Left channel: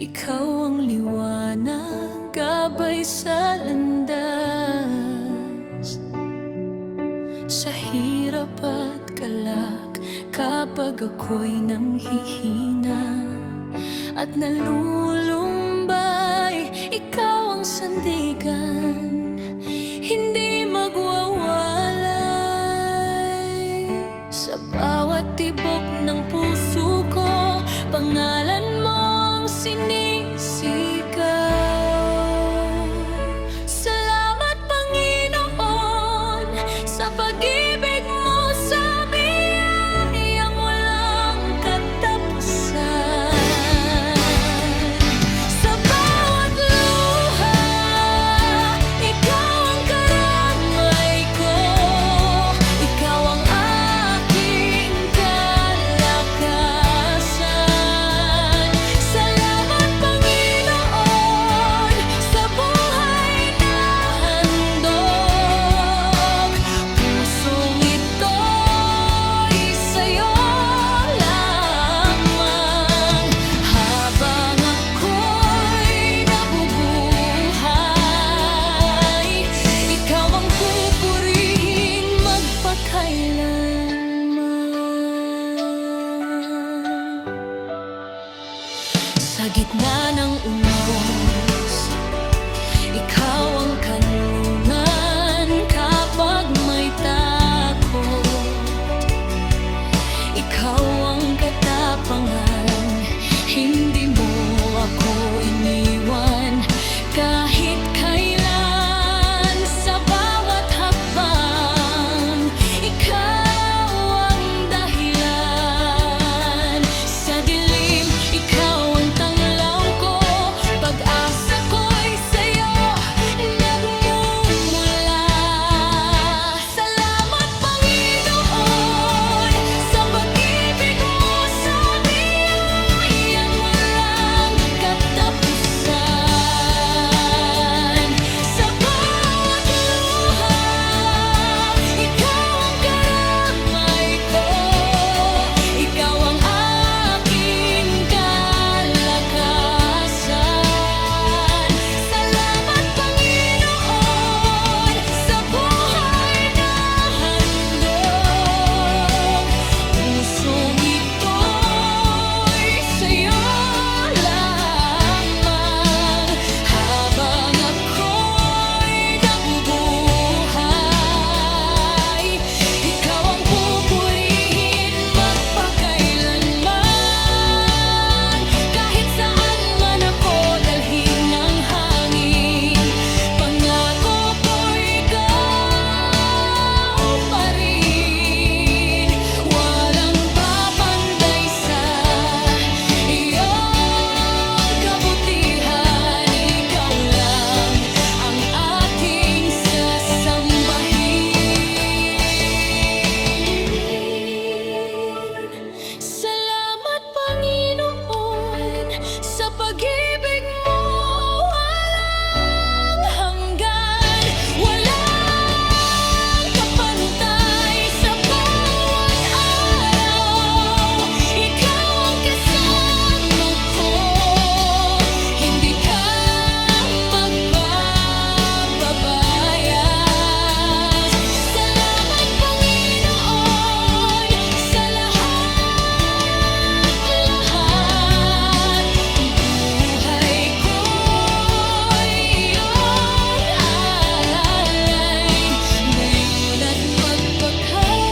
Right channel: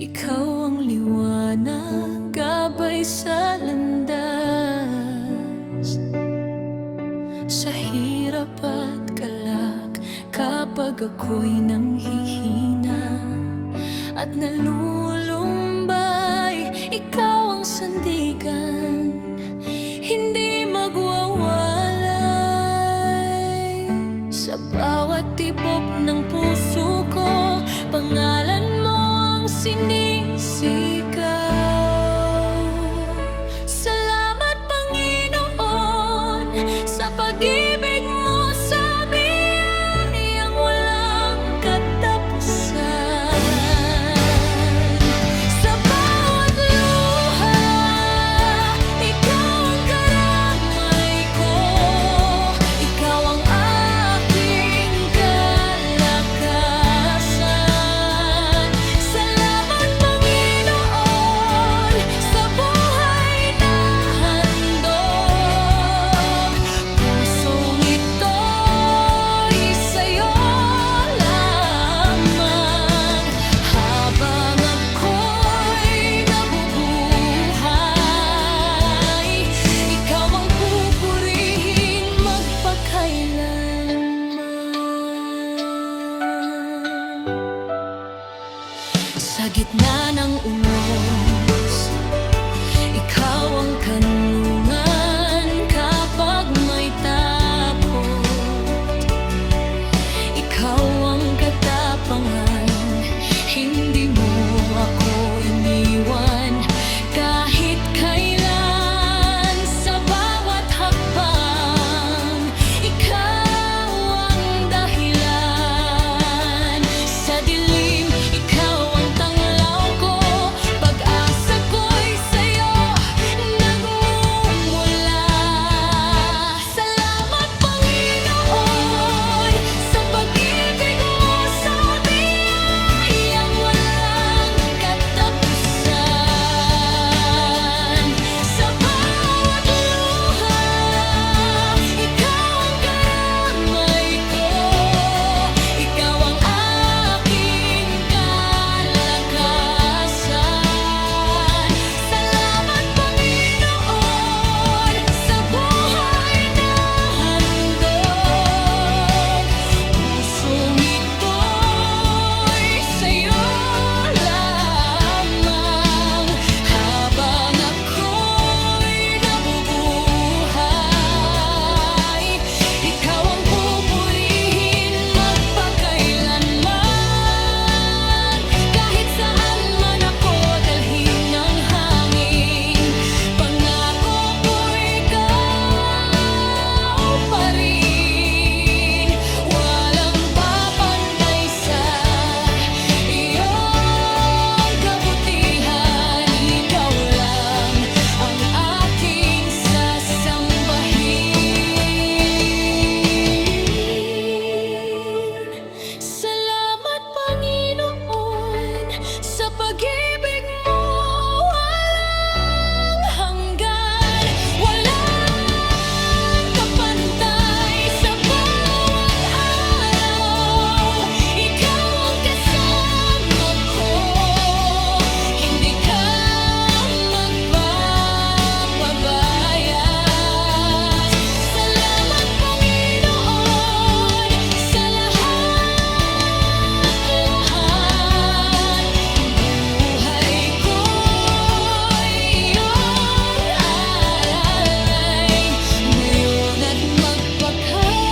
Ikaw ang liwanag, gabay sa landas, sa hirap at galak. Kapag ako'y nanghihina at nalulumbay, ikaw ang sandigan, hindi magwawalay. Sa bawat tibok ng puso ko, pangalan mo ang sinisigaw. Salamat Panginoon sa pag-ibig mo, sa biyayang walang katapusan. Sa bawat luha, ikaw ang karamay ko, ikaw ang aking kalakasan. Salamat Panginoon sa buhay na handog, pusong ito'y sa'yo lamang. Habang ako'y nabubuhay, ikaw ang pupurihin magpakailanman. Sa gitna ng unos, ikaw ang kanlungan. Kapag may takot, ikaw ang katapangan. Hindi mo ako iniwan kahit kailan. Sa bawat hakbang, ikaw ang dahilan. Sa dilim, ikaw ang tanglaw ko, pag-asa ko'y sa'yo nagmumula. Salamat Panginoon sa pag-ibig mo, sa biyayang walang katapusan. Sa bawat luha, ikaw ang karamay ko, ikaw ang aking kalakasan. Salamat Panginoon sa buhay na handog, pusong ito'y sa'yo lamang. Habang ako'y nabubuhay, ikaw ang pupurihin magpakailanman. Kahit saan man ako dalhin ng hangin, pangako ko ikaw pa rin. Walang papantay sa iyong kabutihan, ikaw lang ang aking sasambahin. Salamat Panginoon sa pag-ibig mo walang hanggan, walang kapantay. Sa bawat araw, ikaw ang kasama ko, hindi ka magpapabayas. Salamat Panginoon sa lahat-lahat. Ang buhay ko'y iyong alalay, ngayon at magpakailanman.